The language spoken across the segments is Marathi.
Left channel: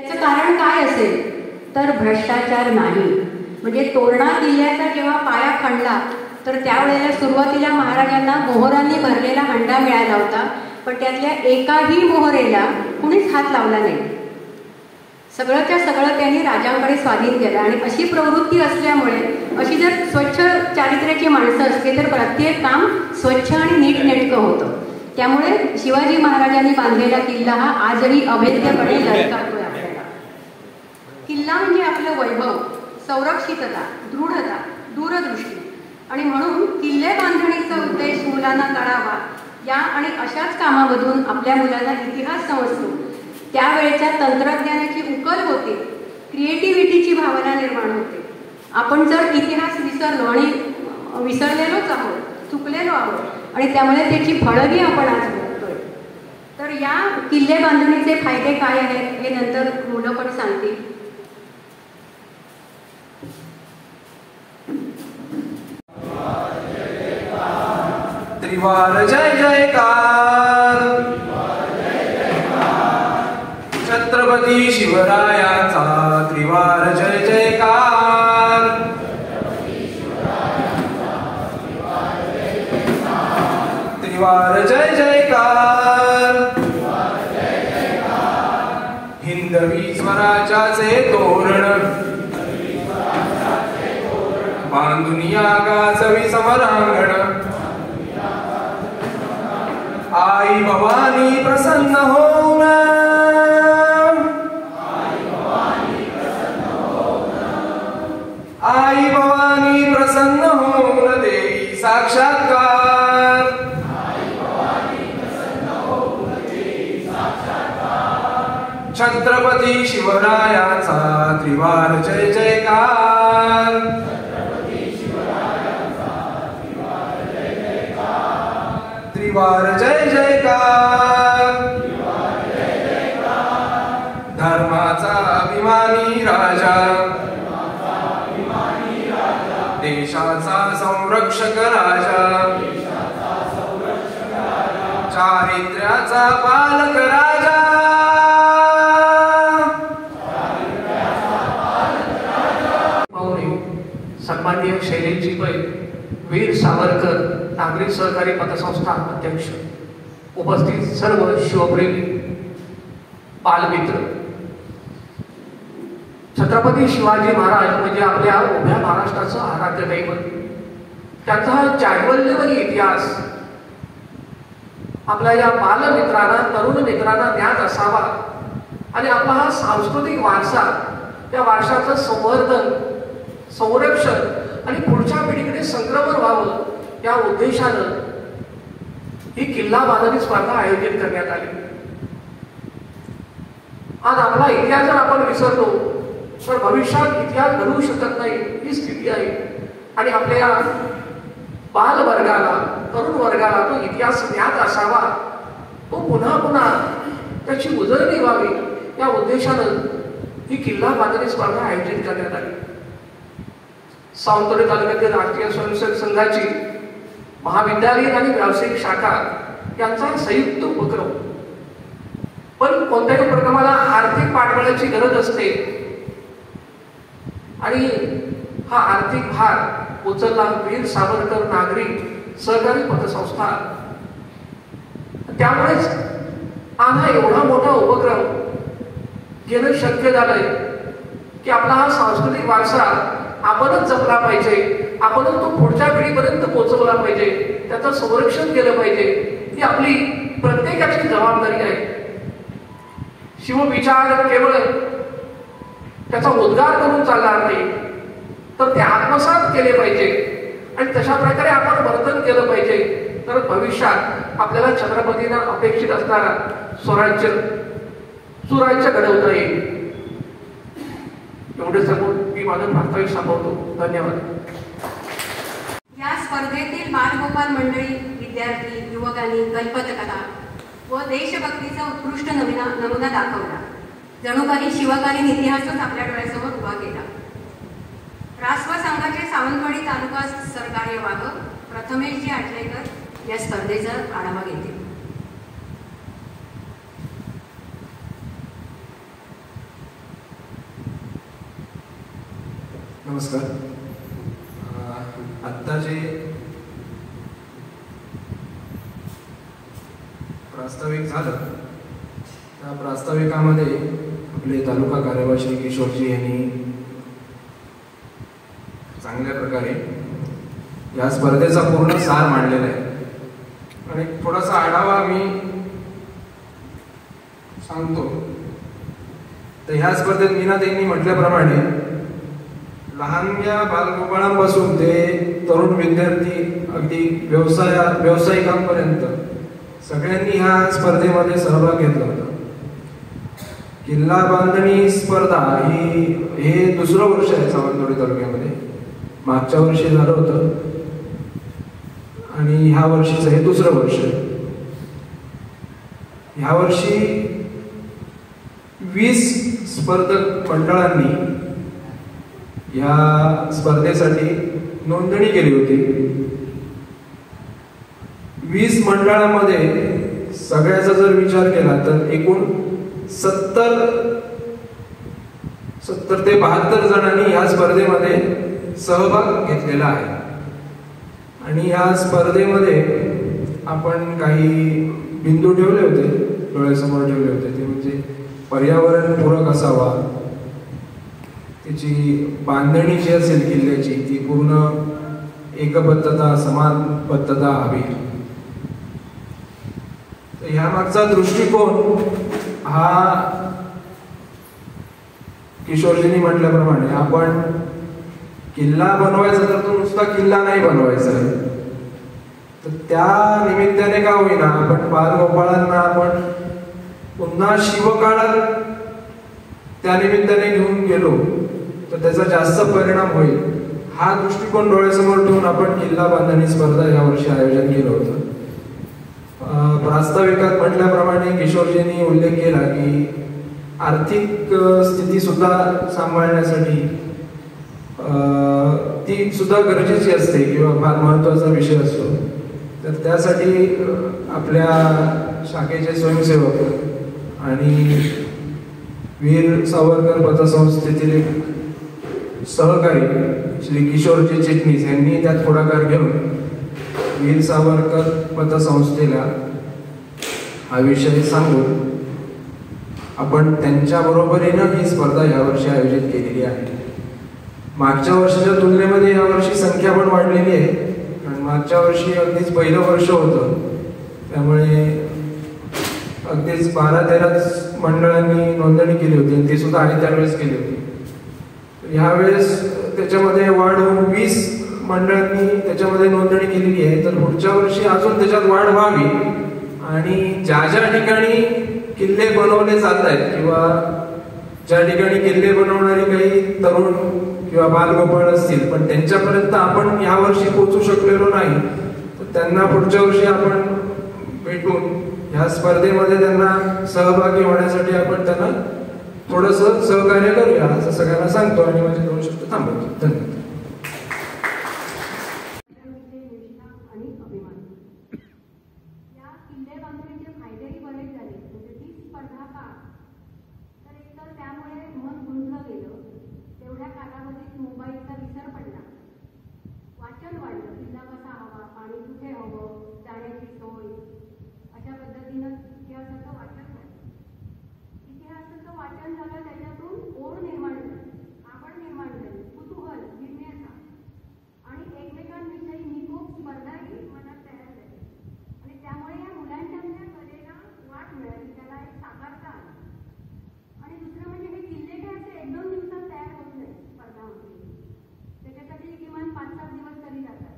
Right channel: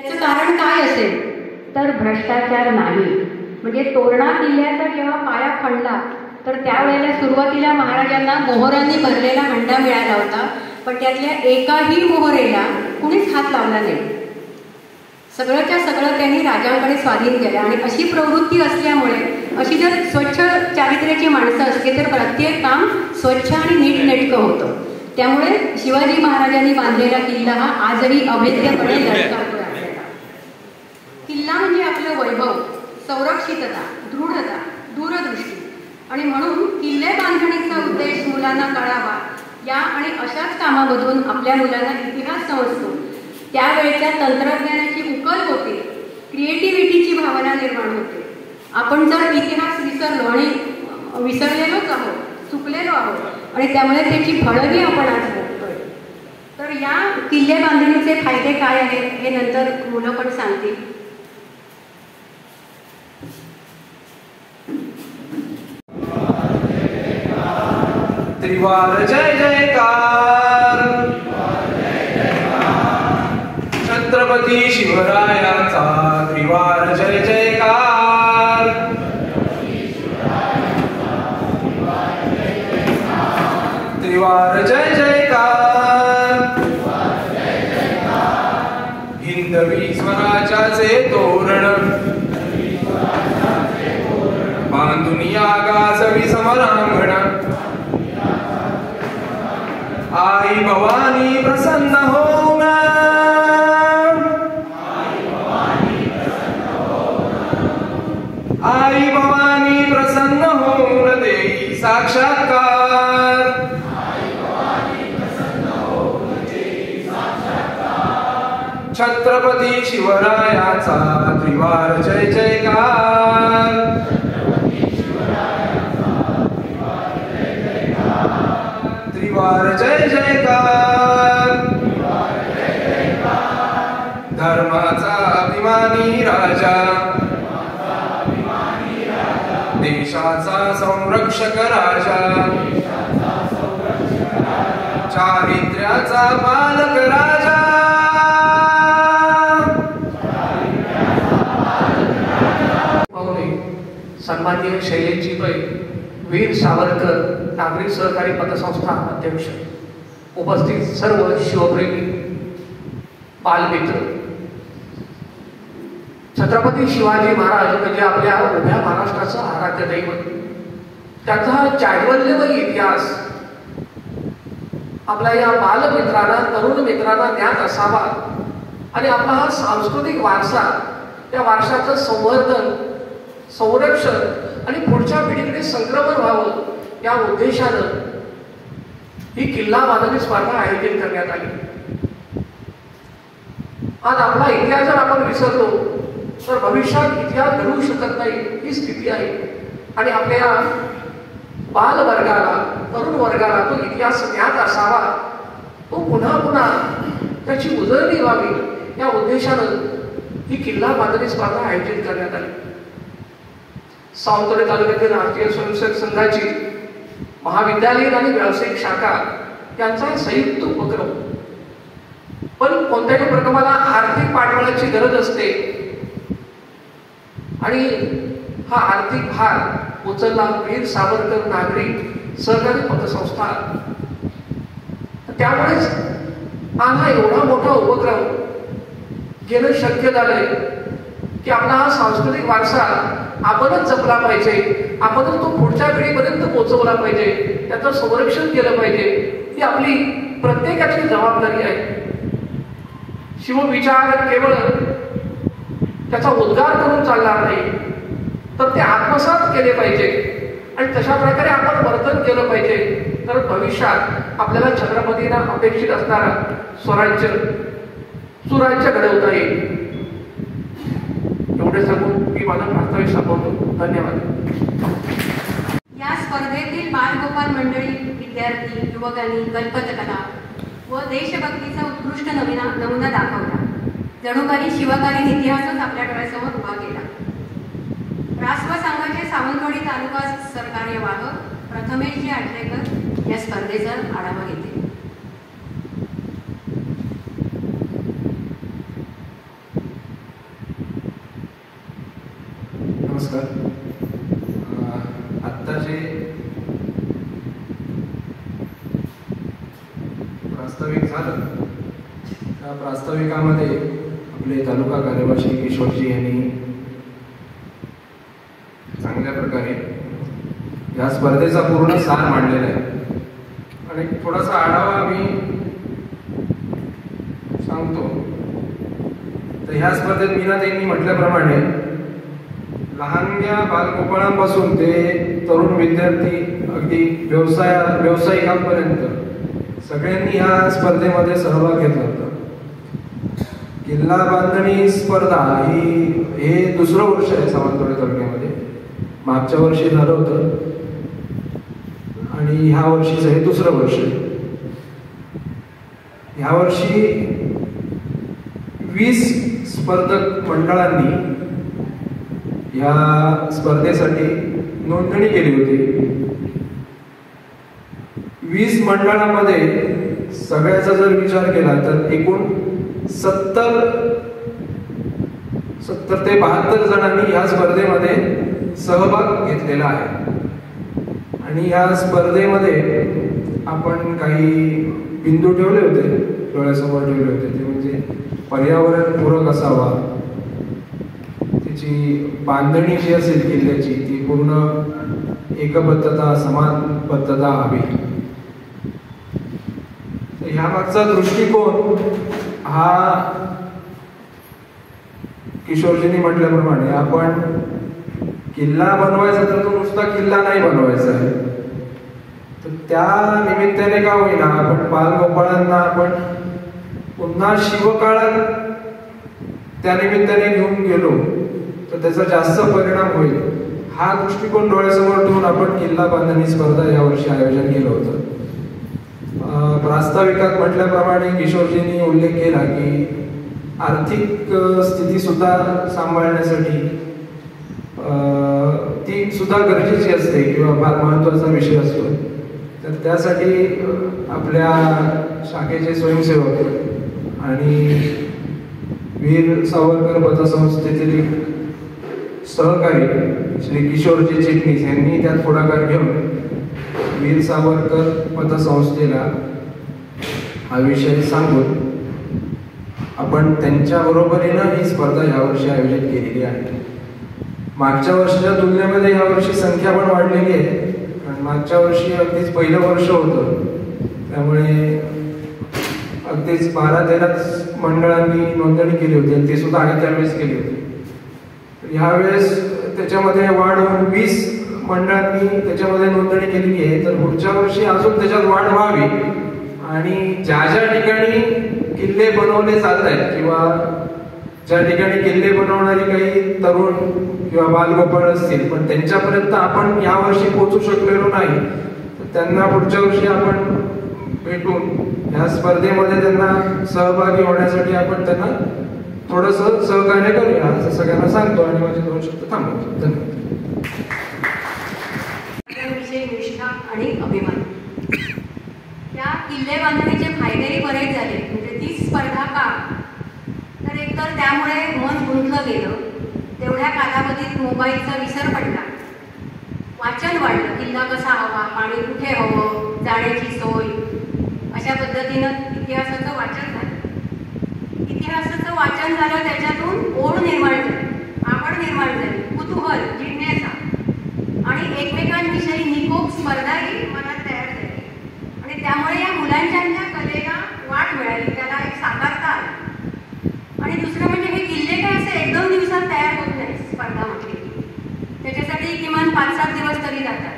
याचं कारण काय असेल तर भ्रष्टाचार नाही. म्हणजे तोरणा किल्ल्याचा जेव्हा पाया खणला तर त्यावेळेला सुरुवातीला महाराजांना मोहरांनी भरलेला हंडा मिळाला होता, पण त्यातल्या एकाही मोहरेला कुणीच हात लावला नाही. सगळंच्या सगळं त्यांनी राजांकडे स्वाधीन केलं. आणि अशी प्रवृत्ती असल्यामुळे अशी जर स्वच्छ चारित्र्याची माणसं असली तर प्रत्येक काम स्वच्छ आणि नीटनेटकं होतं. त्यामुळे शिवाजी महाराजांनी बांधलेला किल्ला हा आजही अभेद्यपणे लढतो. किल्ला म्हणजे आपलं वैभव, संरक्षितता, दृढता, दूरदृष्टी. आणि म्हणून किल्ले बांधणीचा उद्देश मुलांना कळावा या आणि अशाच कामामधून आपल्या मुलांना इतिहास समजतो. त्यावेळेच्या तंत्रज्ञानाची उकल होते, क्रिएटिव्हिटीची भावना निर्माण होते. आपण जर इतिहास विसरलो आणि विसरलेलोच आहोत, चुकलेलो आहोत आणि त्यामुळे त्याची फळंही आपण आज बघतोय. तर या किल्ले बांधणीचे फायदे काय आहेत हे नंतर मुलं पण सांगतील. त्रिवार जय जयकार, छत्रपती शिवरायांचा त्रिवार जय जयकार, त्रिवार जय जयकार, हिंदवी स्वराज्याचे तोरण बांधून या गाजवी समरांगण, आई भवानी प्रसन्न होऊन, आई भवानी प्रसन्न होऊन देई साक्षात्कार, छत्रपती शिवरायाचा त्रिवार जय जयकार, त्रिवार जय जयकार, धर्माचा अभिमानी राजा, देशाचा संरक्षक राजा, चारित्र्याचा पालक राजा, सन्माननीय शैलेंद्रजी पै, वीर सावरकर नागरिक सहकारी पतसंस्था अध्यक्ष, उपस्थित सर्व शिवप्रेमी बालमित्र, छत्रपती शिवाजी महाराज म्हणजे आपल्या उभ्या महाराष्ट्राचं आराध्य दैवत. त्यांचा जाज्वल्यमय इतिहास आपल्या या बालमित्रांना, तरुण मित्रांना ज्ञात असावा आणि आपला हा सांस्कृतिक वारसा, या वारशाचं संवर्धन, संरक्षण आणि पुढच्या पिढीकडे संक्रमण व्हावं या उद्देशानं ही किल्ला बांधणी स्पर्धा आयोजित करण्यात आली. आज आपला इतिहास जर आपण विसरलो तर भविष्यात इतिहास घडवू शकत नाही ही स्थिती आहे. आणि आपल्या बाल वर्गाला, तरुण वर्गाला तो इतिहास ज्ञात असावा, तो पुन्हा पुन्हा त्याची उजळणी व्हावी या उद्देशानं ही किल्ला बांधणी स्पर्धा आयोजित करण्यात आली. सावंतवाडी तालुक्यातील राष्ट्रीय स्वयंसेवक संघाची महाविद्यालयीन आणि व्यावसायिक शाखा यांचा संयुक्त उपक्रम. पण कोणत्याही उपक्रमाला आर्थिक पाठबळाची गरज असते आणि हा आर्थिक भार उचलला वीर सावरकर नागरिक सहकारी पतसंस्था. त्यामुळेच हा एवढा मोठा उपक्रम घेणं शक्य झालंय की आपला हा सांस्कृतिक वारसा आपणच जपला पाहिजे, आपणच तो पुढच्या पिढीपर्यंत पोहोचवला पाहिजे, त्याचं संरक्षण केलं पाहिजे. ही आपली प्रत्येकाची जबाबदारी आहे. शिवविचार केवळ त्याचा उद्गार करून चालणार नाही, तर ते आत्मसात केले पाहिजे आणि तशा प्रकारे आपण वर्तन केलं पाहिजे. तर भविष्यात आपल्याला छत्रपतींना अपेक्षित असणारा सुराज्य घडवता येईल. एवढे सांगून मी माझं प्रास्ताविक संपवतो. धन्यवाद. या स्पर्धेतील बालगोपाल मंडळी, विद्यार्थी, युवकांनी कल्पकला व देशभक्तीचा उत्कृष्ट नमुना दाखवला. जणू काही शिवकालीन इतिहासच आपल्या डोळ्यासमोर उभा केला. राष्ट्र संघाचे सावंतवाडी तालुका सरकार्यवाह प्रथमेशजी आटलेकर या स्पर्धेचा आढावा घेतील. नमस्कार. आत्ता जे प्रास्ताविक झालं त्या प्रास्ताविकामध्ये आपले तालुका कार्यवाह श्री किशोरजी यांनी चांगल्या प्रकारे या स्पर्धेचा पूर्ण सार मांडलेला आहे आणि थोडासा आढावा मी सांगतो. तर ह्या स्पर्धेत मीनाताईंनी म्हटल्याप्रमाणे लहानग्या बालगोपाळांपासून ते तरुण विद्यार्थी अगदी व्यावसायिकांपर्यंत सगळ्यांनी ह्या स्पर्धेमध्ये सहभाग घेतला होता. किल्ला बांधणी स्पर्धा हे दुसरं वर्ष आहे सावंतवाडी तालुक्यामध्ये. मागच्या वर्षी झालं होतं आणि ह्या वर्षीचं हे दुसरं वर्ष आहे. ह्या वर्षी 20 स्पर्धक मंडळांनी या स्पर्धेसाठी नोंदणी केली होती. 20 मंडळामध्ये सगळ्याचा जर विचार केला तर एकूण 70 ते 72 जणांनी या स्पर्धेमध्ये सहभाग घेतलेला आहे. आणि या स्पर्धेमध्ये आपण काही बिंदू ठेवले होते, डोळ्यासमोर ठेवले होते. ते म्हणजे पर्यावरणपूरक असावा, त्याची बांधणी जी असेल किल्ल्याची ती पूर्ण एकबद्धता समानबद्धता हवी. ह्या मागचा दृष्टिकोन हा किशोरजींनी म्हटल्याप्रमाणे आपण किल्ला बनवायचा तर तो नुसता किल्ला नाही बनवायचा आहे. तर त्या निमित्ताने का होईना आपण बालगोपाळांना आपण पुन्हा शिवकाळात त्या निमित्ताने घेऊन गेलो तर त्याचा जास्त परिणाम होईल. हा दृष्टिकोन डोळ्यासमोर ठेवून आपण किल्ला बांधणी स्पर्धा यावर्षी आयोजन केलं होतं. प्रास्ताविकात म्हटल्याप्रमाणे किशोरजींनी उल्लेख केला की आर्थिक स्थिती सुद्धा सांभाळण्यासाठी ती सुद्धा गरजेची असते किंवा फार महत्वाचा विषय असतो. तर त्यासाठी आपल्या शाखेचे स्वयंसेवक आणि वीर सावरकर पतसंस्थेतील एक सहकारी श्री किशोरजी चिटणीस यांनी त्यात पुढाकार घेऊन वीर सावरकर पतसंस्थेला हा विषय सांगून आपण त्यांच्या बरोबरीनं ही स्पर्धा यावर्षी आयोजित केलेली आहे. मागच्या वर्षाच्या तुलनेमध्ये यावर्षी संख्या पण वाढलेली आहे. आणि मागच्या वर्षी अगदीच पहिलं वर्ष होतं, त्यामुळे अगदीच 12-13 मंडळांनी नोंदणी केली होती आणि ती सुद्धा आम्ही त्यावेळेस केली होती. ह्यावेळेस त्याच्यामध्ये वाढ होऊन 20 मंडळांनी त्याच्यामध्ये नोंदणी केलेली आहे. तर पुढच्या वर्षी अजून त्याच्यात वाढ व्हावी आणि ज्या ज्या ठिकाणी किल्ले बनवले जात आहेत किंवा ज्या ठिकाणी किल्ले बनवणारी काही तरुण किंवा बालगोपाळ असतील पण त्यांच्यापर्यंत आपण यावर्षी पोहोचू शकलेलो नाही, तर त्यांना पुढच्या वर्षी आपण भेटून या स्पर्धेमध्ये त्यांना सहभागी होण्यासाठी आपण त्यांना थोडंसं सहकार्य करूया असं सगळ्यांना सांगतो आणि माझे 2 शब्द थांबवतो. धन्यवाद. निष्ठा आणि अभिमान. या किल्ले बांधणीचे फायदेही बरेच झाले. म्हणजे ती स्पर्धा का तर एकतर त्यामुळे मन गुंतलं गेलं, तेवढ्या कालावधीत मोबाईलचा विसर पडला, वाचन वाढलं, किल्ला कसा हवा, पाणी कुठे हवं, जाण्याची सोय, अशा पद्धतीनं इतिहासाचं वाचन झालं. इतिहासाचं वाचन झालं, त्याच्यातून ओढ निर्माण झाली, आवड निर्माण झाली, कुतूहल, जिज्ञासा आणि एकमेकांविषयी निकोप स्पर्धाही मनात तयार झाली. आणि त्यामुळे या मुलांच्या कलेला वाट मिळाली, त्याला एक साकारता आला. आणि दुसरं म्हणजे हे किल्ले काय असे 1-2 दिवसात तयार होत नाही. स्पर्धा म्हटली त्याच्यासाठी किमान 5-7 दिवस तरी जातात.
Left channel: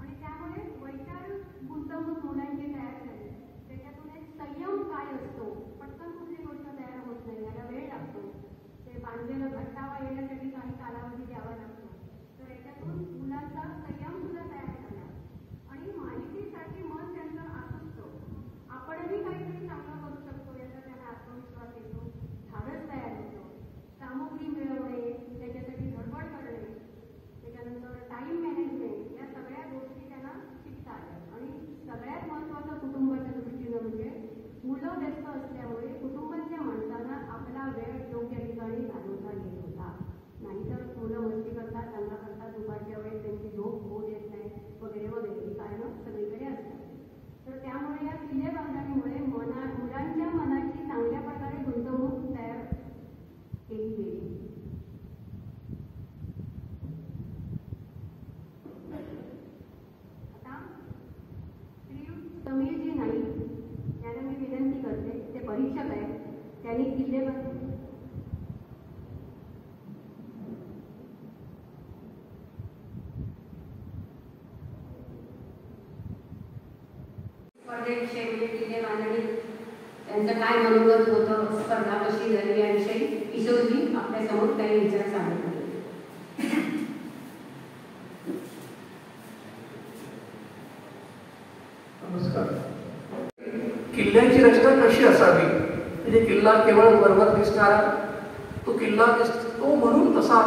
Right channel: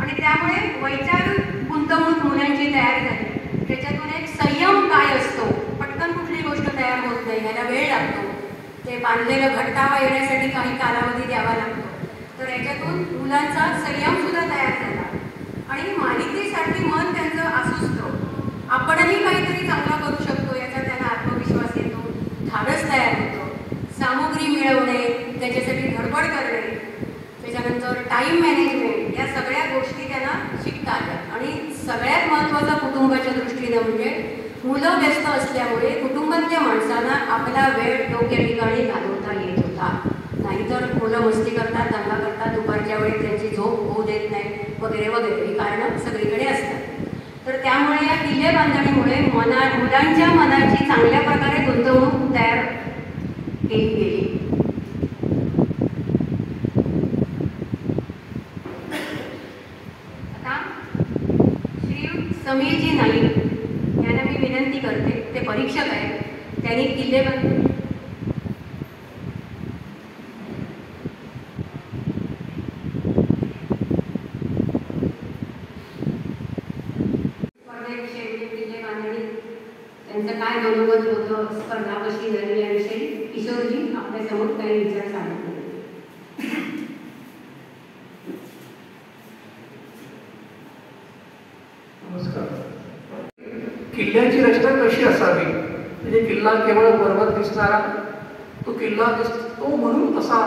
आणि त्यामुळे वैचारिक गुंतवणूक मुलांची तयार झाली. त्याच्यातून एक संयम काय असतो, पटकन कुठली गोष्ट तयार होत नाही, याला वेळ लागतो. ते बांधलेलं घट्टावा येण्यासाठी काही कालावधी द्यावा लागतो. तर याच्यातून मुलांचा संयम सुद्धा तयार झाला आणि मालिकेसाठी मन त्यांचं आसुसतं. आपणही काहीतरी चांगला करू शकतो याचा त्यांना आत्मविश्वास येतो, धाडस तयार होतं. सामुग्री मिळवणे, त्याच्यासाठी धडपड करणे, त्याच्यानंतर टाईम मॅनेजमेंट, या सगळ्या गोष्टी त्यांना शिकता आल्या. आणि सगळ्यात महत्त्वाचा कुटुंबाच्या दृष्टीनं म्हणजे मुलं व्यस्त असल्यामुळे कुटुंबातल्या माणसांना आपला वेळ योग्य ठिकाणी घालवता येत होता. नाहीतर मुलं मस्ती करतात, वगैरे ही कारणं सगळीकडे असतात. तर त्यामुळे या किल्ले बांधणीमुळे मुलांच्या मनाची चांगल्या प्रकारे गुंतवणूक तयार केली गेली. आता श्री समीरजी नाईक यांना मी विनंती करते, ते परीक्षक आहेत, त्यांनी किल्ले बांधले किल्ले बांधणी त्यांचं काय मनोगत होतं, स्पर्धा कशी झाली याविषयी किशोरजी आपल्यासमोर काही विचार सांगितले. नमस्कार. किल्ल्याची रचना कशी असावी, म्हणजे किल्ला केवळ पर्वत दिसणारा तो किल्ला तो म्हणून तसा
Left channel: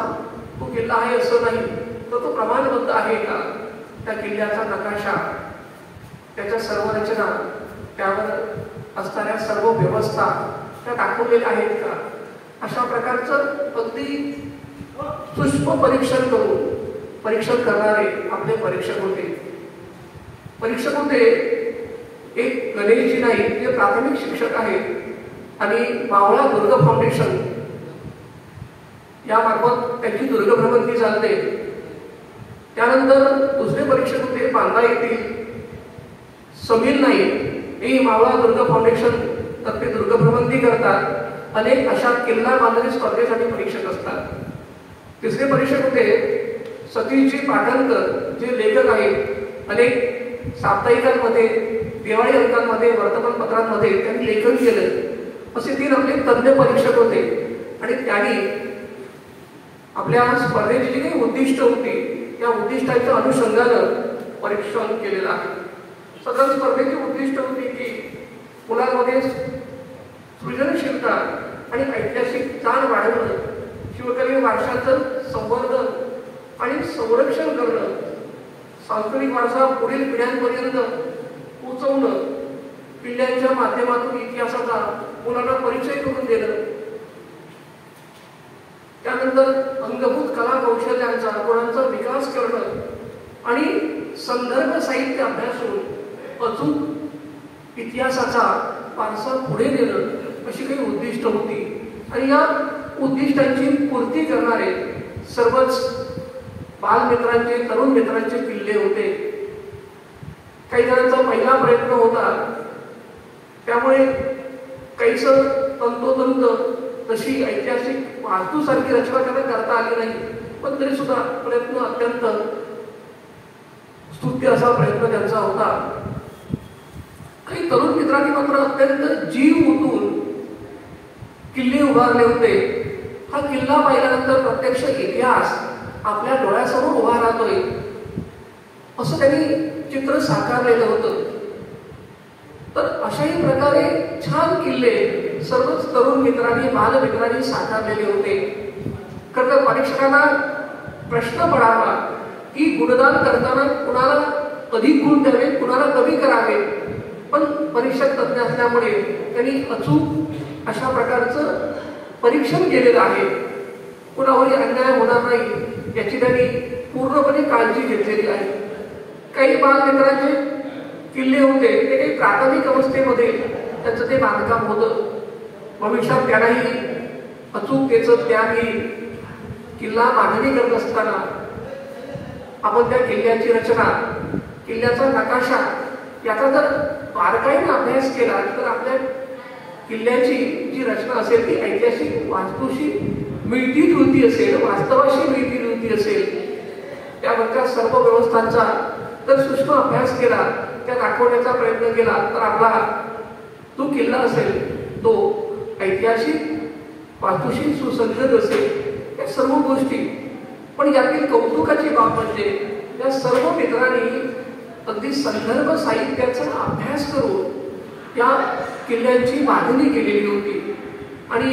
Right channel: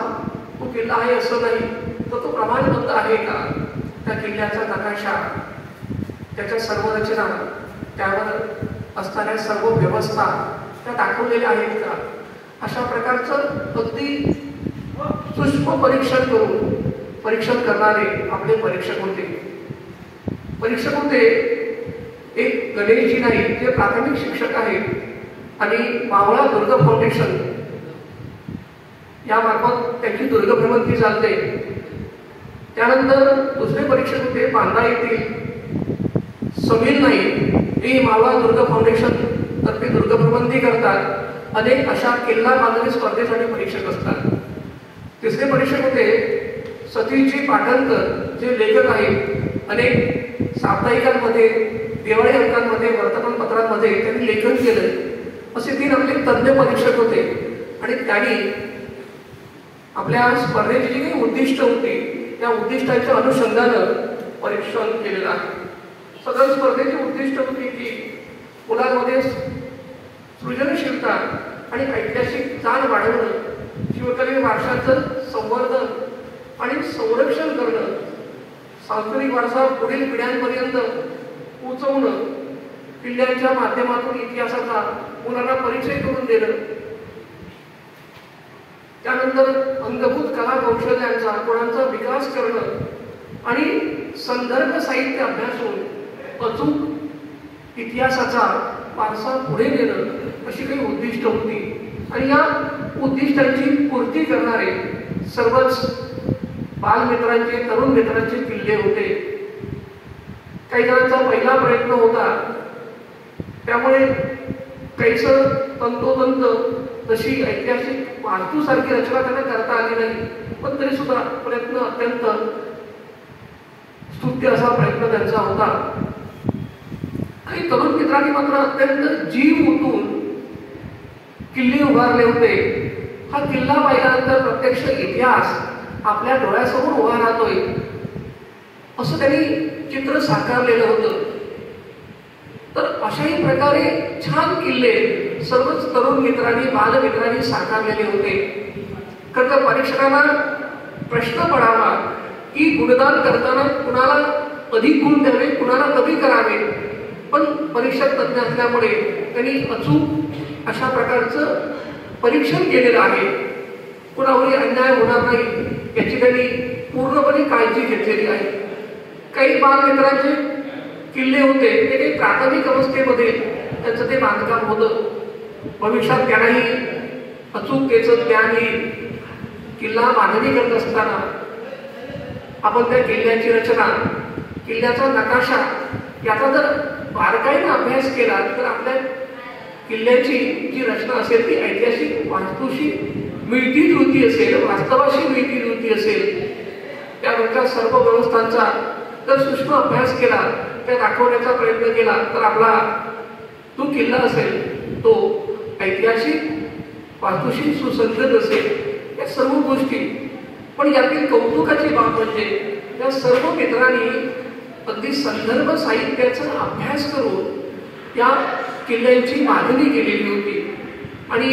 तो किल्ला आहे असं नाही, तर तो प्रमाणबद्ध आहे का, त्या किल्ल्याचा नकाशा, त्याच्या सर्व रचना, त्यावर असणाऱ्या सर्व व्यवस्था त्या दाखवलेल्या आहेत का, अशा प्रकारचं अगदी सूक्ष्म परीक्षण करणारे आपले परीक्षक होते. एक गणेशजी नाईक जे प्राथमिक शिक्षक आहेत आणि मावळा दुर्ग फाउंडेशन यामार्फत त्यांची दुर्ग भ्रमंती चालते. त्यानंतर दुसरे परीक्षक होते बांदा येथील समीर नाईक, हे मावळा दुर्ग फाउंडेशन तर्फे दुर्ग भ्रमंती करतात. अनेक अशा किल्ला बांधणी स्पर्धेसाठी परीक्षक असतात. तिसरे परीक्षक होते सतीशजी पाटणकर, जे लेखक आहेत. अनेक साप्ताहिकांमध्ये, दिवाळी अंकांमध्ये, वर्तमानपत्रांमध्ये त्यांनी लेखन केलं. असे 3 आपले तज्ञ परीक्षक होते आणि त्यांनी आपल्या स्पर्धेची जी काही उद्दिष्ट होती त्या उद्दिष्टाच्या अनुषंगानं परीक्षण केलेलं आहे. सदर स्पर्धेची उद्दिष्ट होती की मुलांमध्ये सृजनशीलता आणि ऐतिहासिक जाण वाढवणं, शिवकालीन वारशाचं संवर्धन आणि संरक्षण करणं, सांस्कृतिक वारसा पुढील पिढ्यांपर्यंत पोहोचवणं, किल्ल्यांच्या माध्यमातून इतिहासाचा मुलांना परिचय करून देणं, त्यानंतर अंगभूत कला कौशल्यांचा गुणांचा विकास करणं आणि संदर्भ साहित्य अभ्यासून अचूक इतिहासाचा वारसा पुढे नेणं अशी काही उद्दिष्ट होती. आणि या उद्दिष्टांची पूर्ती करणारे सर्वच बालमित्रांचे, तरुण मित्रांचे किल्ले होते. काही जणांचा पहिला प्रयत्न होता, त्यामुळे काहीच तंतोतंत तशी ऐतिहासिक वास्तूसारखी रचना त्यांना करता आली नाही, पण तरी सुद्धा प्रयत्न अत्यंत स्तुत्य असा प्रयत्न त्यांचा होता. आणि तरुण मित्रांनी मात्र अत्यंत जीव ओतून किल्ले उभारले होते. हा किल्ला पाहिल्यानंतर प्रत्यक्ष इतिहास आपल्या डोळ्यासमोर उभा राहतोय असं त्यांनी चित्र साकारलेलं होतं. तर अशाही प्रकारे छान किल्ले सर्वच तरुण मित्रांनी, बालमित्रांनी साकारलेले होते. खरं तर परीक्षकांना प्रश्न पडावा की गुणदान करताना कुणाला अधिक गुण द्यावे, कुणाला कमी करावे, पण परीक्षक तज्ञ असल्यामुळे त्यांनी अचूक अशा प्रकारचं परीक्षण केलेलं आहे. कुणावरही अन्याय होणार नाही याची त्यांनी पूर्णपणे काळजी घेतलेली आहे. काही बालमित्रांचे किल्ले होते ते काही प्राथमिक अवस्थेमध्ये त्यांचं ते बांधकाम होतं. भविष्यात त्यांनाही अचूकतेचं ज्ञान येईल. किल्ला बांधणी करत असताना आपण त्या किल्ल्याची रचना, किल्ल्याचा नकाशा याचा जर बारकाईने अभ्यास केला तर आपल्या किल्ल्याची जी रचना असेल ती ऐतिहासिक वास्तूशी मिळती जुळती असेल, वास्तवाशी मिळती जुळती असेल. त्यावरच्या सर्व व्यवस्थांचा जर सूक्ष्म अभ्यास केला, त्या दाखवण्याचा प्रयत्न केला तर आपला जो किल्ला असेल तो ऐतिहासिक वास्तूशी सुसंगत असेल. या सर्व गोष्टी, पण यातील कौतुकाची बाब म्हणजे या सर्व मित्रांनी अगदी संदर्भ साहित्याचा अभ्यास करून या किल्ल्यांची बांधणी केलेली होती. आणि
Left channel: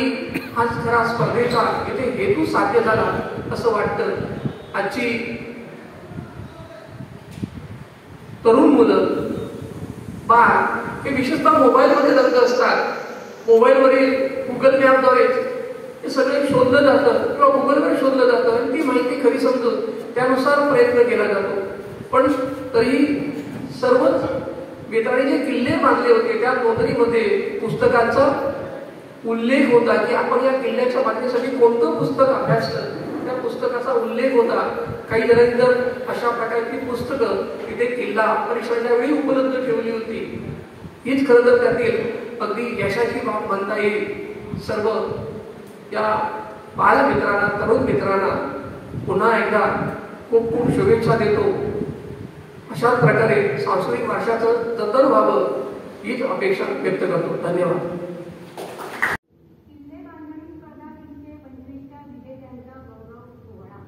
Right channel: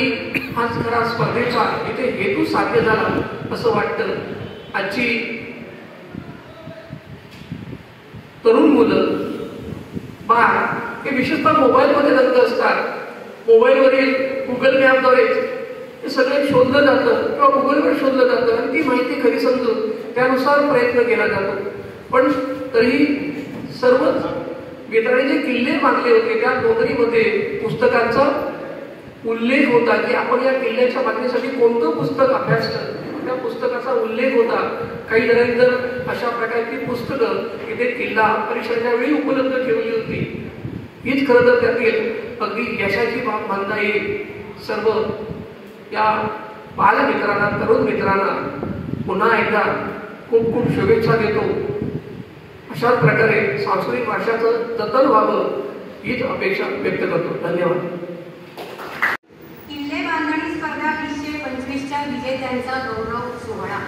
आज खरा स्पर्धेचा इथे हेतू साध्य झाला असं वाटतं. आजची तरुण मुलं, बाळ हे विशेषतः मोबाईलमध्ये रंग असतात. मोबाईलवरील गुगल मॅपद्वारे हे सगळे शोधलं जातं किंवा गुगलवर शोधलं जातं आणि ती माहिती खरी समजून त्यानुसार प्रयत्न केला जातो. पण तरी सर्वच मित्रांनी जे किल्ले बांधले होते त्या नोंदणीमध्ये पुस्तकांचा उल्लेख होता की आपण या किल्ल्याच्या बांधणीसाठी कोणतं पुस्तक अभ्यासलं. त्या पुस्तकाचा उल्लेख होता. काही जणांनी तर अशा प्रकारची पुस्तकं इथे किल्ला परिसराच्या वेळी उपलब्ध ठेवली होती. हीच खरं तर त्यातील अगदी यशाची बाब म्हणता येईल. सर्व या बालमित्रांना, तरुण मित्रांना पुन्हा एकदा खूप खूप शुभेच्छा देतो. अशाच प्रकारे सांस्कृतिक वारशाचं जतन व्हावं हीच अपेक्षा व्यक्त करतो. धन्यवाद. किल्ले बांधणी स्पर्धा 2025च्या विजेत्यांचा गौरव सोहळा.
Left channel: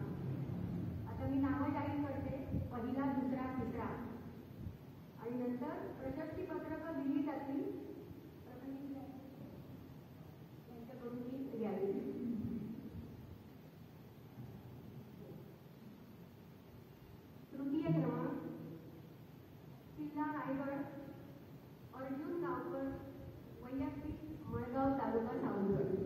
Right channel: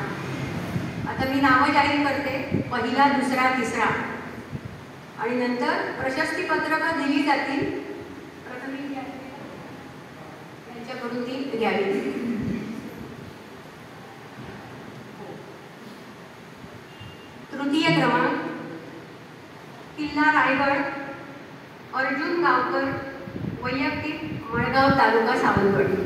आता मी नावं जाहीर करते. पहिला, दुसरा, तिसरा आणि नंतर प्रशस्ती पत्रकं दिली जातील. प्रथम यांच्याकडून ती घ्यावी. तृतीय क्रमांक किल्ला रायगड, अर्जुन गावकर, वैयक्तिक, मळगाव तालुका सावंतवाडी.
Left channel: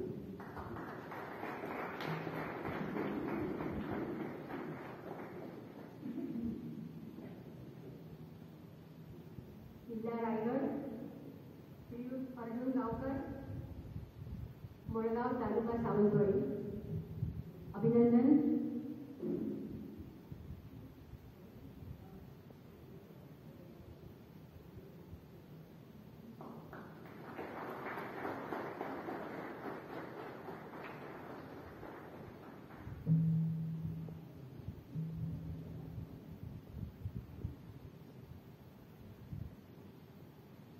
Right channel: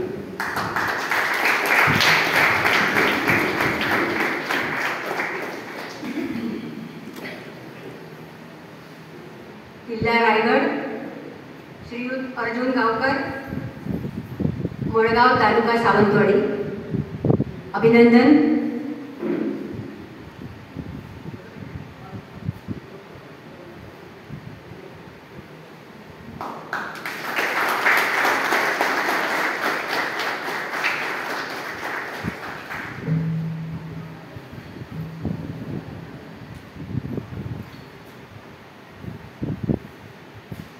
किल्ला रायगड, श्रीयुत अर्जुन गावकर, मळगाव तालुका सावंतवाडी. अभिनंदन.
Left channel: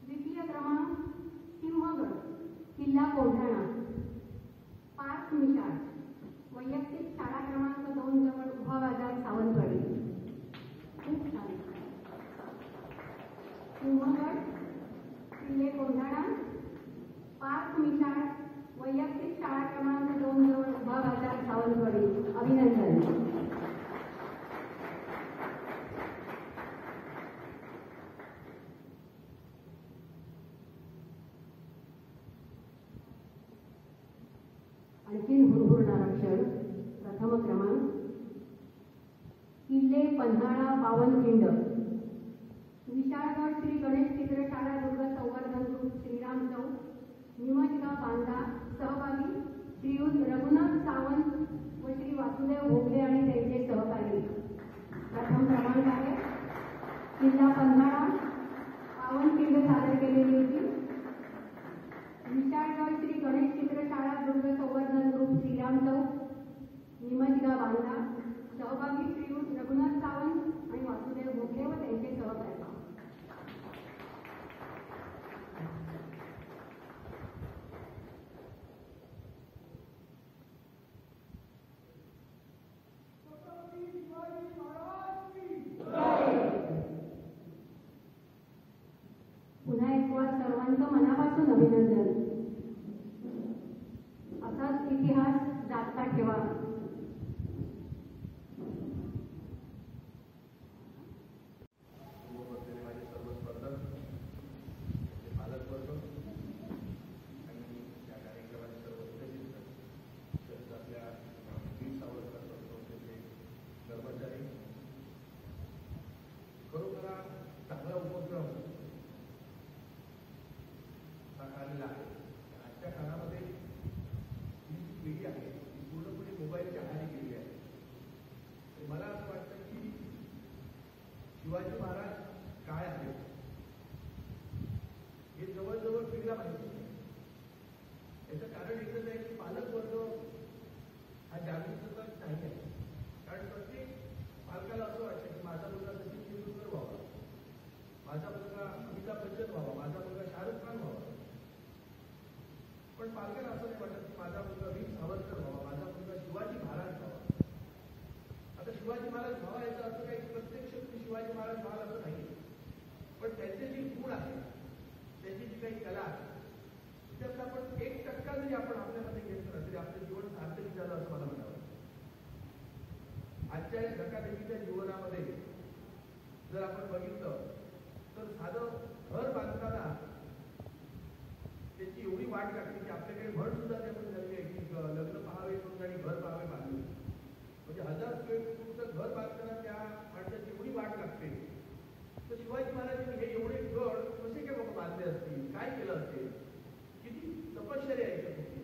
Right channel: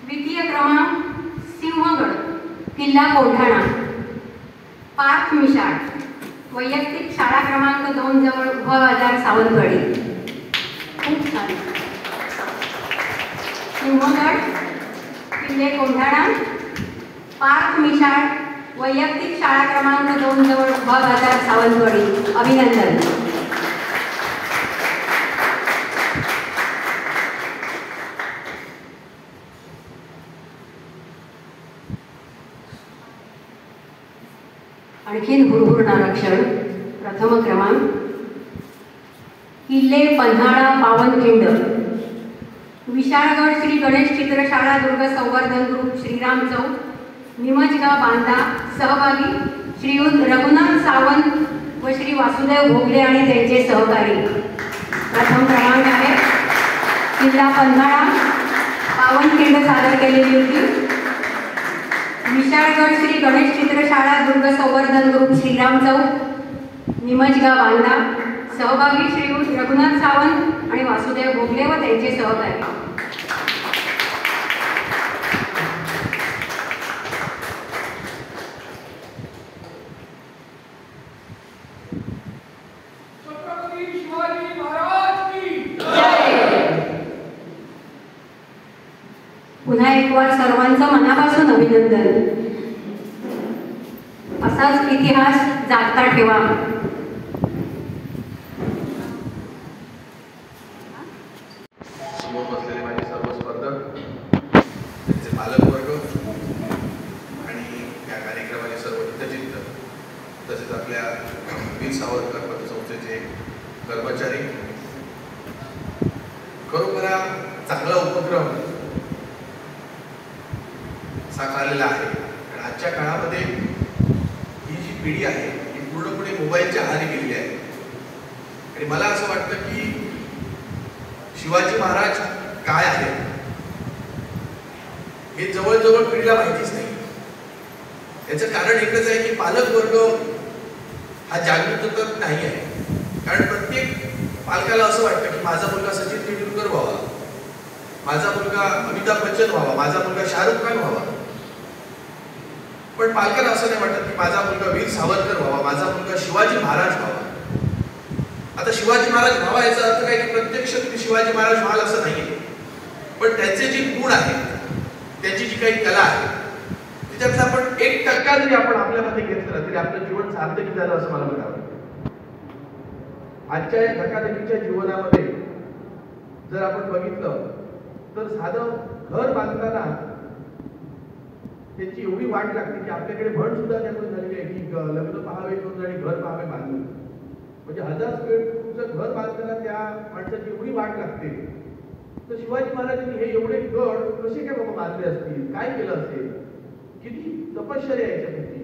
द्वितीय क्रमांक सिंहगड, किल्ला कोल्हाणा, पार्थ मिशाळ, वैयक्तिक, शाळा क्रमांक 2 जवळ उभा बाजार सावंतवाडी. खूप छान. सिंहगड, किल्ले कोल्हाणा, पार्थ मिशाळ, वैयक्तिक, शाळा क्रमांक 2 जवळ उभा बाजार सावंतवाडी. अभिनंदन. आणखीन हुरहुरणारा क्षण. प्रथम क्रमांक किल्ले पन्हाळा पावनखिंड, विशाळगड श्री गणेश चित्रशाळा दुर्ग संवर्धन ग्रुप श्रीराम चौक, निमजगाव बांधा. सहभागी श्रीयुत रघुनाथ सावंत व श्री वासुदेव भोगले आणि त्यांचे सहकारी. प्रथम क्रमांक आहे. किल्ला पन्हाळा पावनखिंड सादर केलेली होती. विशाळगड श्री गणेश चित्रशाळा दुर्ग संवर्धन ग्रुप श्रीराम चौक, निमजगाव बांधा. सहभागी श्रीयुत रघुनाथ सावंत आणि वासुदेव भोगले व त्यांचे सहकारी. पुन्हा एक वार सर्वांचं मनापासून अभिनंदन. असाच इतिहास जागता ठेवा. समोर बसलेले माझे सर्व स्पर्धक, त्यांचे पालकवर्ग आणि या कार्यक्रमाचे सर्व हितचिंतक, तसेच आपल्या वीर सावरकर पतसंस्थेचे कर्मचारी, खरोखर चांगला उपक्रम साकारलेला आहे. कारण आजच्या काळामध्ये ही जी पिढी आहे ही पूर्णपणे मोबाईलच्या आहारी गेलेली आहे. आणि मला असं वाटतं की शिवाजी महाराज काय आहे हे जवळजवळ पिढीला माहितीच नाही. याचं कारण एकच आहे की पालक वर्ग हा जागृत तर नाही आहे. कारण प्रत्येक पालकाला असं वाटतं की माझा मुलगा सचिन तेंडुलकर व्हावा, माझा मुलगा अमिताभ बच्चन व्हावा, माझा मुलगा शाहरुख खान व्हावा. पण पालकांना असं नाही वाटत की माझा मुलगा वीर सावरकर व्हावा, माझा मुलगा शिवाजी महाराज व्हावा. आता शिवाजी महाराज व्हावा याचा अर्थ काय की प्रत्यक्ष तुम्ही शिवाजी महाराज व्हाल असं नाहीये. पण त्यांचे जे गुण आहेत, त्यांची जी काही कला आहे, त्याच्यातला आपण 1% जरी आपण आपल्यामध्ये घेतलं तरी आपलं जीवन सार्थकी झालं असं मला म्हणावं. आजच्या या धकाधकीच्या जीवनामध्ये जर आपण बघितलं तर साधं घर बांधताना त्याची एवढी वाट लागते की आपल्याकडे म्हण सुद्धा त्यामुळे झालेली आहे की लग्न पाहावे करून आणि घर पाहावे बांधून. म्हणजे 1000 स्क्वेअर फूटचं घर बांधताना त्या माणसाची एवढी वाट लागते तर शिवाजी महाराजांनी हे एवढे गड कसे काय बाबा बांधले असतील, काय केलं असेल, किती तपश्चर्या याच्यापैकी,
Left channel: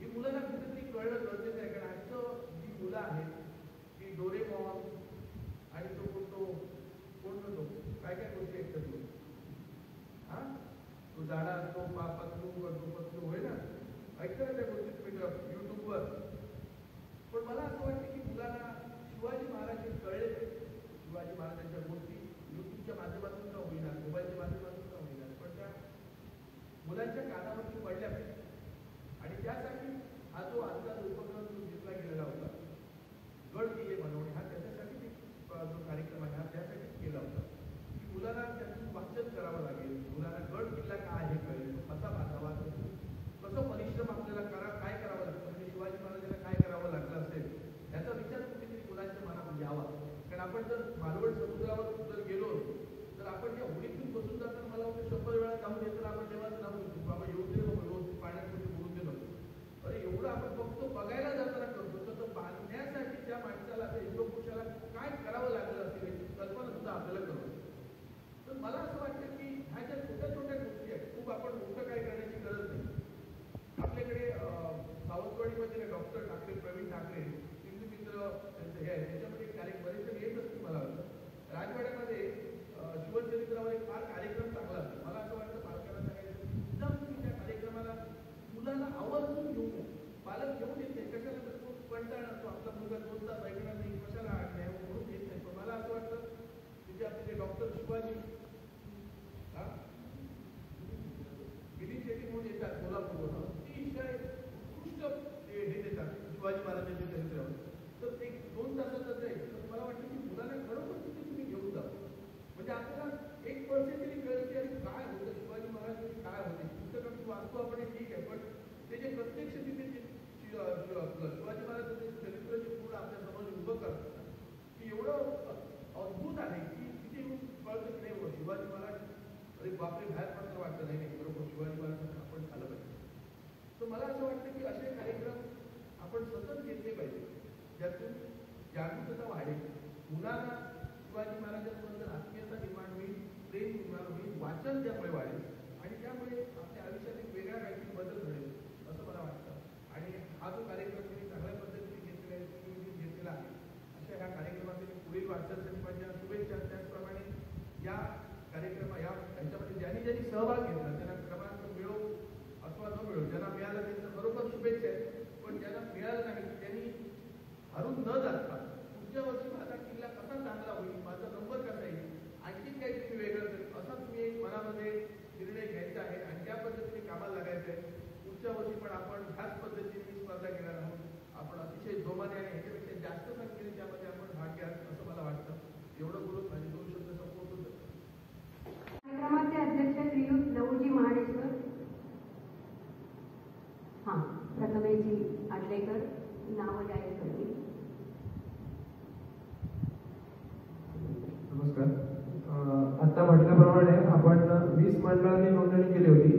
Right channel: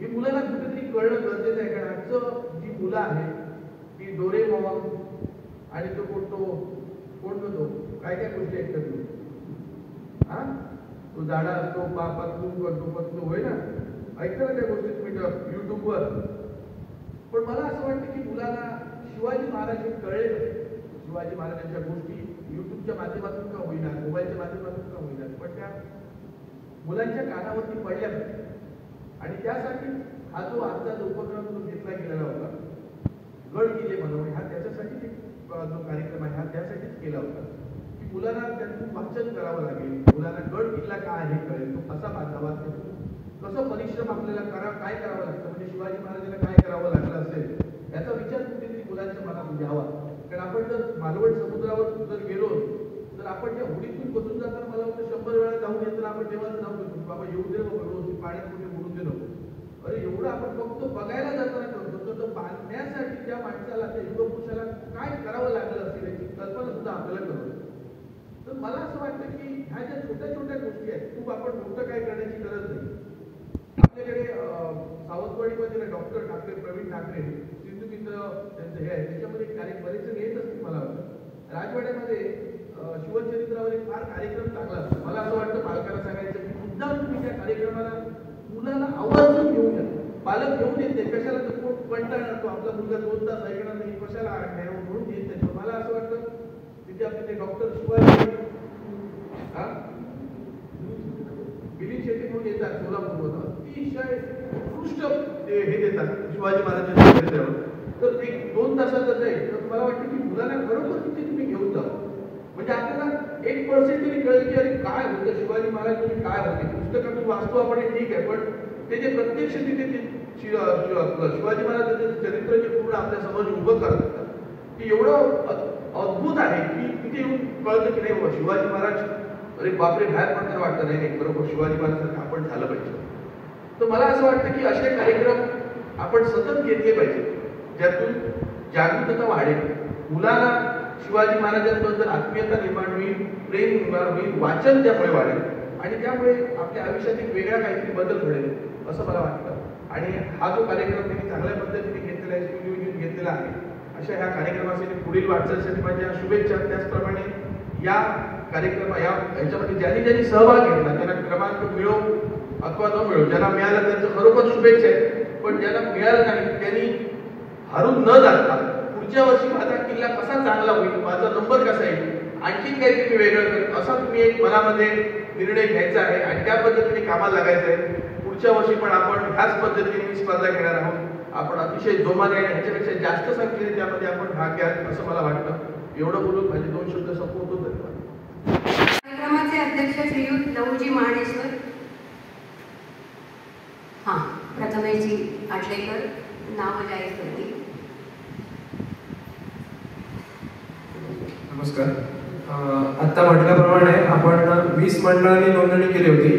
ही मुलांना कुठेतरी कळणं गरजेचं आहे. कारण आजचं जी मुलं आहेत ती डोरेमॉन आणि तो कोण तो काय काय गोष्टी ऐकतात, हा तो जाडा असतो पतलू होय ना, ऐकतं ना त्या गोष्टी तुम्ही युट्यूबवर. पण मला असं वाटतं की मुलांना शिवाजी महाराज हे कळले, शिवाजी महाराजांच्या गोष्टी युट्यूबच्या माध्यमातून का होईना, मोबाईलच्या माध्यमातून का होईना, पण त्या मुलांच्या कानावरती पडल्या. आणि त्यासाठी हा जो आजचा उपक्रम जो घेतला गेलेला होता गड किल्ले बनवणे, हा त्याच्यासाठी जो कार्यक्रम आहे हा त्यासाठीच केला होता की मुलांना त्यातून वाचन करावं लागेल, मुलांना गड किल्ला काय आहे कळेल, तो कसा बांधावा, कसं परिश्रम आपल्याला काय करावं लागतं, म्हणजे शिवाजी महाराजांना काय करावं लागलं असेल याचा विचार कुठेतरी मुलांच्या मनात यावा. कारण आपण जर मालवण समुद्रावर जर गेलो तर आपण त्या होडीतून बसून जाताना मला वाटतं 100 वेळा जाऊन येताना आपण तेव्हाच नाव घेतो बाबा येऊ दे नको, पाण्यात कुठे बुडून दे नको. अरे एवढं आपण फक्त बघायला जाताना करतो, तर बांधण्यासाठी त्या माणसाला त्या युगपुरुषाला काय करावं लागलं असेल याची कल्पना सुद्धा आपल्याला करतो. तर मला असं वाटतं की ह्या ज्या छोट्या छोट्या गोष्टी आहेत, खूप आपण मोठं काय करण्याची गरज नाही. आपल्याकडे सावंतवाडीमध्ये डॉक्टर ठाकरे, प्रवीण ठाकरे, सिंधू मित्र त्यांचं हे आहे, त्याच्यामध्ये बरेच जण येत असतील मला वाटतं. राजवाड्यामध्ये शिवचरित्रावर एक फार कार्यक्रम चांगला असतो. मला असं वाटतं पालकांना सांगायचं की मुद्दाम तुम्ही त्या कार्यक्रमाला मुलांना आवर्जून घेऊन या. पालक घेऊन येते कशाला, तर कंटाळा तो आपला मुलगा 2 तास ऐकणार नाही, कशाला म्हणून येत नाही. मला असं वाटतं तिथे आपले डॉक्टर शिवाजी बिलिंग शेट्टी म्हणून येतात सोलापूरवर, अतिशय उत्कृष्ट हे देतात शिवाजी महाराजांच्या चरित्रावर. तर 1-2 तासाचा जाईल. तर मला वाटतं की मुलांना खरोखर तिथे तुम्ही घेऊन जा, म्हणजे आपल्याला 1% तरी कळेल की अरे काय होतं शिवाजी महाराज तुम्ही काय होते. पुस्तकातून वाचतो आपण ठीक आहे, पण ते जे प्रत्यक्ष तिथे शिवाजी महाराजांचं चरित्र जे पूर्ण आपल्या समोर उभं करतात ते एवढं अद्भुत आहे की तिथे येऊन कळतं की नाही शिवाजी महाराज, अरे बापरे बाहेर पडताना वाटतं नाही बरोबर शिवाजी महाराजांसारखं आपण झालं पाहिजे. तर मला असं वाटतं की असे कार्यक्रम आपण सतत घेतले पाहिजे, ज्यातून जागरूकता वाढेल, मुलांना शिवाजी महाराजांबद्दल आत्मीयता निर्माण होईल, प्रेम निर्माण होईल, वाचन त्यामुळे वाढेल आणि त्यामुळे आपल्या आयुष्यात एक वेगळा काहीतरी बदल घडेल असं मला वाटतं. आणि हा जो कार्यक्रम त्यांनी चांगल्या पद्धतीने घेतलेला आहे, सुनियोजित घेतलेला आहे, अशा ह्या कार्यक्रमासाठी पुढील वाटचालीसाठी माझ्या शुभेच्छा. त्याचप्रमाणे या याच्यामध्ये ज्यांनी सहभाग घेतला त्यांना क्रमांक मिळो अथवा न मिळो, ज्यांना मिळाला त्यांचं खरोखर शुभेच्छा आहे. पण ज्यांना मिळालं नाही त्यांनी हरून न जाता पुढच्या वर्षी माझा किल्ला कसा चांगला होईल, माझा नंबर कसा येईल, आणखीन काहीतरी मी वेगळं करेन असा तुम्ही एक मनामध्ये निर्णय घ्यायचा आहे आणि त्या पद्धतीने कामाला लागायचं आहे. पुढच्या वर्षी पण आपण ह्याच पद्धतीने स्पर्धा घेणार आहोत. आपण अतिशय जोमाने आणि ह्याच्यापेक्षा जास्त संख्येने त्यामध्ये आपण भाग घ्या असं मला वाटतं. एवढं बोलून माझे 2 शब्द संपवतो. कार्यक्रमाचे अध्यक्ष श्रीयुत लवजी महाडेश्वर, प्रथमेशजी आटलेकर नाव जाहीर करतील. नमस्कार. आता म्हटल्याप्रमाणे आपण 20 मंडळांनी नोंदणी केली होती,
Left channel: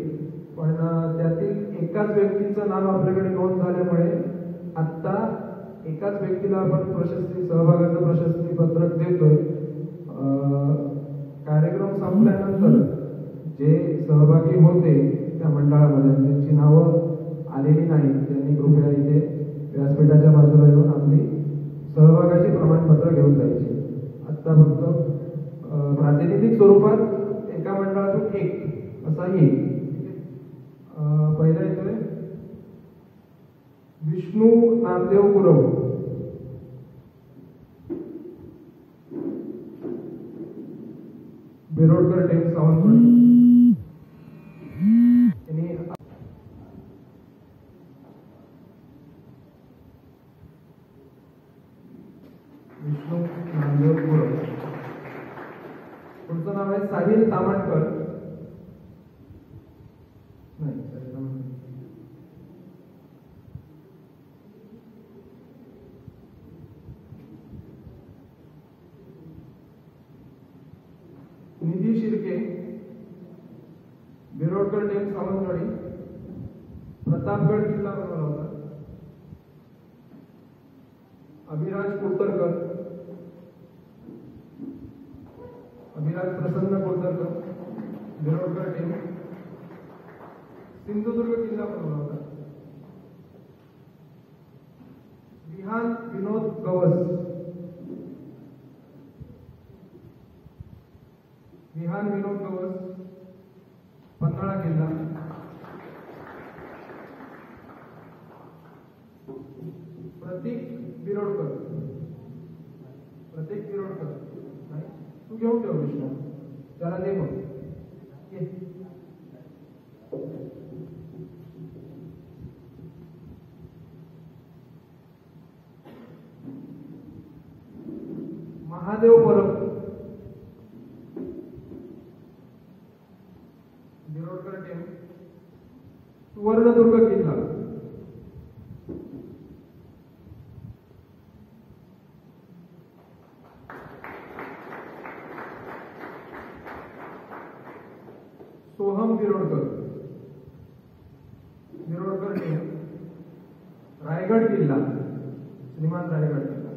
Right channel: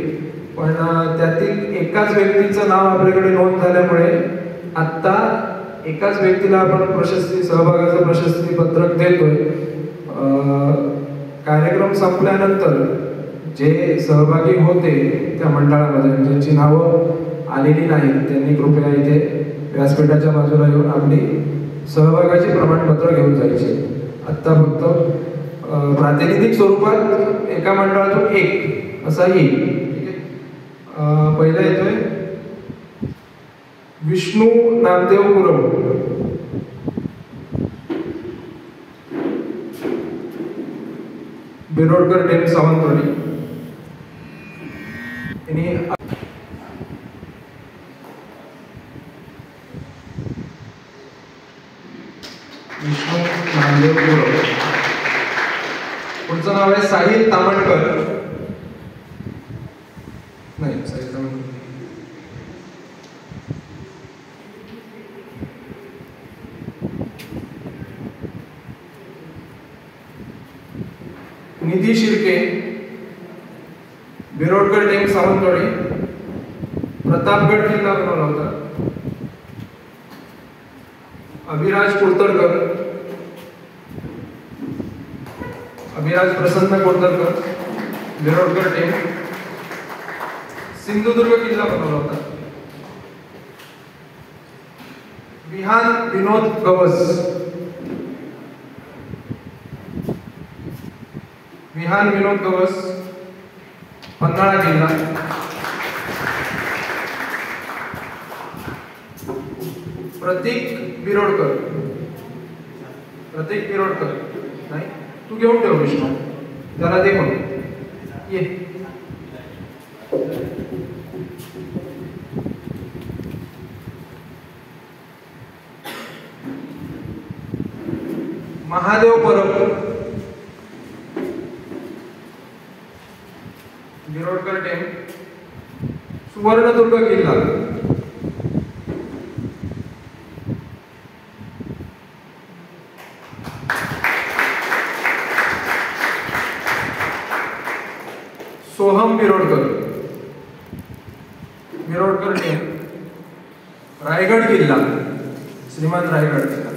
पण त्यातील एकाच व्यक्तीचं नाव आपल्याकडे नोंद झाल्यामुळे आत्ता एकाच व्यक्तीला आपण सहभागाचं प्रशस्ती पत्रक देतोय. कार्यक्रम संपल्यानंतर जे सहभागी होते त्या मंडळामध्ये ज्यांची नावं आलेली नाहीत त्यांनी कृपया इथे व्यासपीठाच्या बाजूला येऊन आपली सहभागाची प्रमाणपत्र घेऊन जायचे. आत्ता फक्त प्रातिनिधिक स्वरूपात एका मंडळातून एक असा येईल. पहिला येतोय विष्णू नामदेव गुरव. बिरोडकर टेम सावंतवाडी. विष्णू नामदेव गुरव. पुढचं नाव आहे साहिल तामणकर. नाही साहिल तामणकर. निधी शिर्के, बिरोडकर टेम सावंतवाडी. प्रतापगड किल्ला बनवला होता. अभिराज कुलतरकर. विराज प्रसन्न कोटरकर विरोडकर टीम सिंधुदुर्ग किल्ला बनवला होता. विहान विनोद गवस विहान विनोद गवस पन्हाळा किल्ला. प्रतीक बिरोडकर नाही तू घेऊन ठेव विष्णू त्याला दे म्हणून ये. महादेव परब बिरोडकर टेम सुवर्णदुर्ग किल्ला. सोहम बिरोडकर टीम रायगड किल्ला श्रीमान रायगड किल्ला.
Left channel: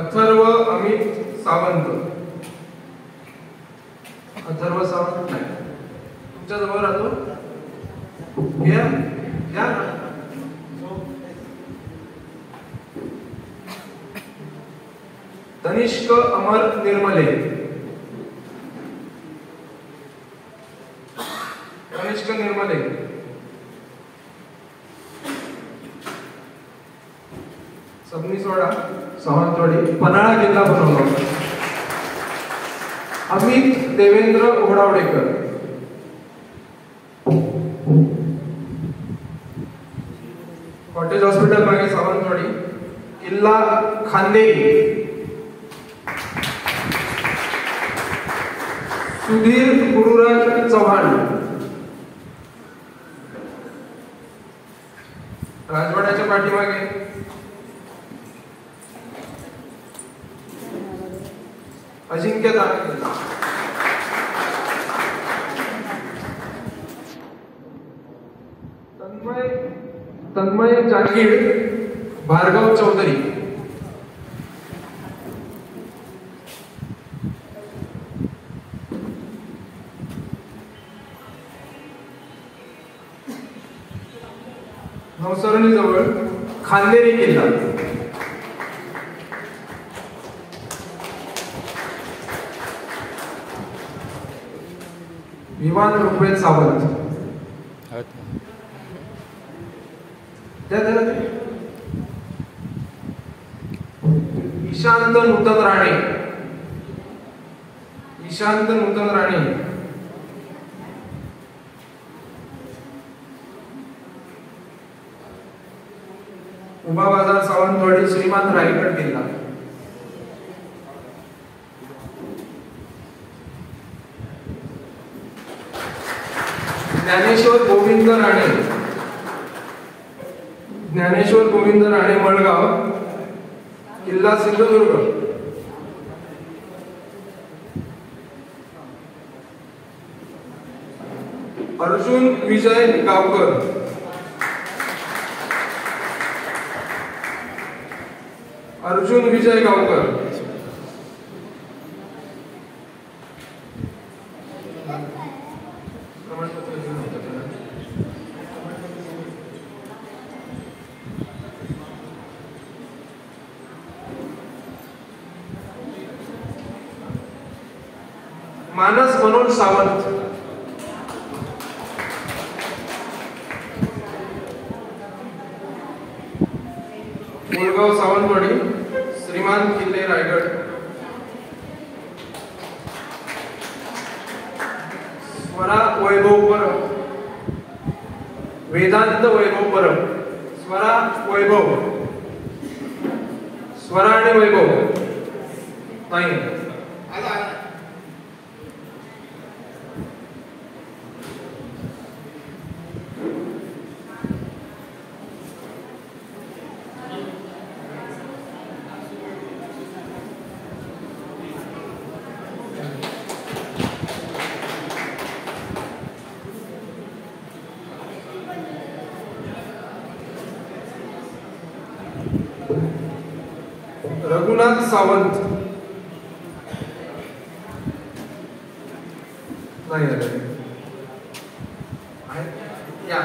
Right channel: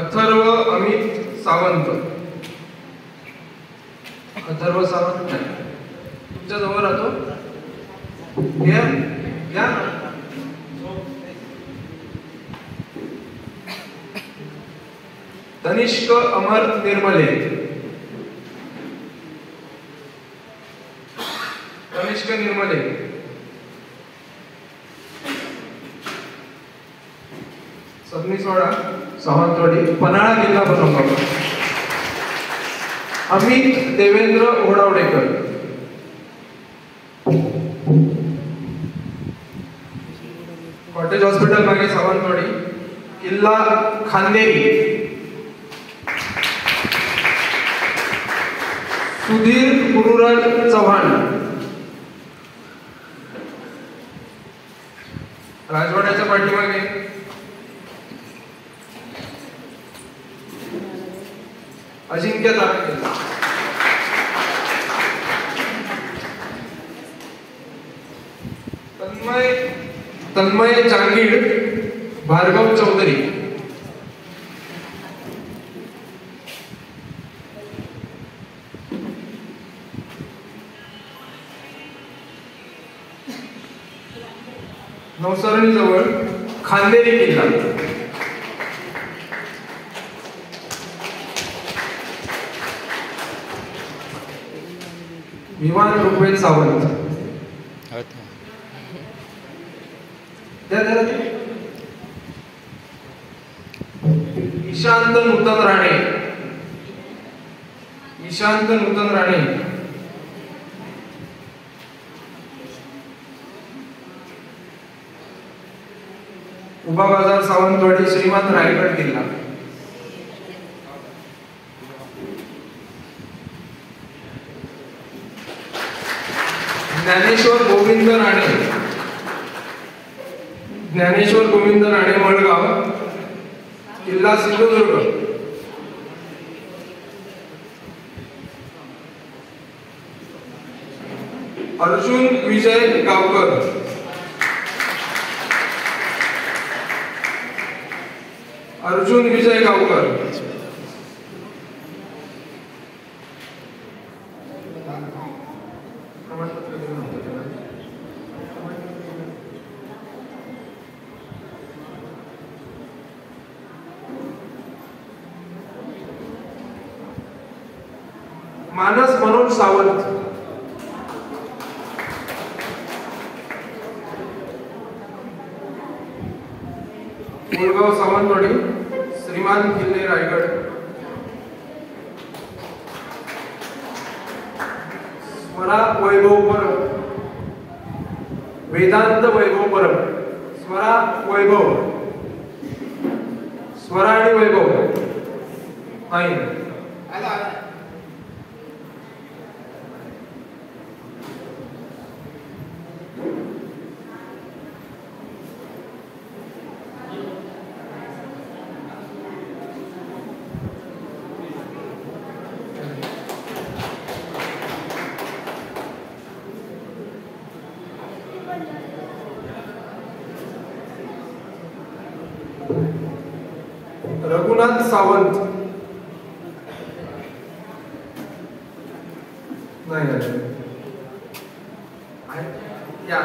अथर्व अमित सावंत नाही तुमच्या जवळ राहतो घ्या घ्या. तनिष्क अमर निर्मले सबनीसवाडा सावंतवाडी पन्हाळा किल्ला बनवला होता. अमित देवेंद्र ओढावडेकर कॉटेज हॉस्पिटल मागे सावंतवाडी किल्ला खांदेरी. सुधीर गुरुराज चव्हाण राजवाड्याच्या पाठीमागे. अजिंक्य तारखे तन्मय जांगीड भार्गव चौधरी. नवसरणी जवळ खांदेरी किल्ला. विवान ऋग्वेद सावंत ईशांत नूतन राणे उभा बाजार सावंतवाडी श्रीमान रायगड किल्ला. ज्ञानेश्वर गोविंद राणे मळगाव किल्ला सिंधुदुर्ग. अर्जुन विजय गावकर मानस मनोज सावंत मुळगाव सावंतवाडी श्रीमान किल्ले रायगड. स्वरा वैभव परब वेदांत वैभव परब स्वरा आणि वैभव नाही. रघुनाथ सावंत. नाही आले. या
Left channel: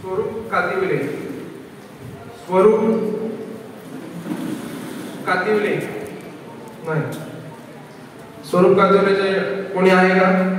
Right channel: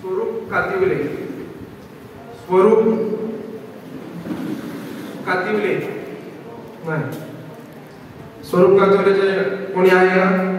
स्वरूप कातिवले. स्वरूप कातिवले. नाही. स्वरूप कातिवलेचे कोणी आहे का?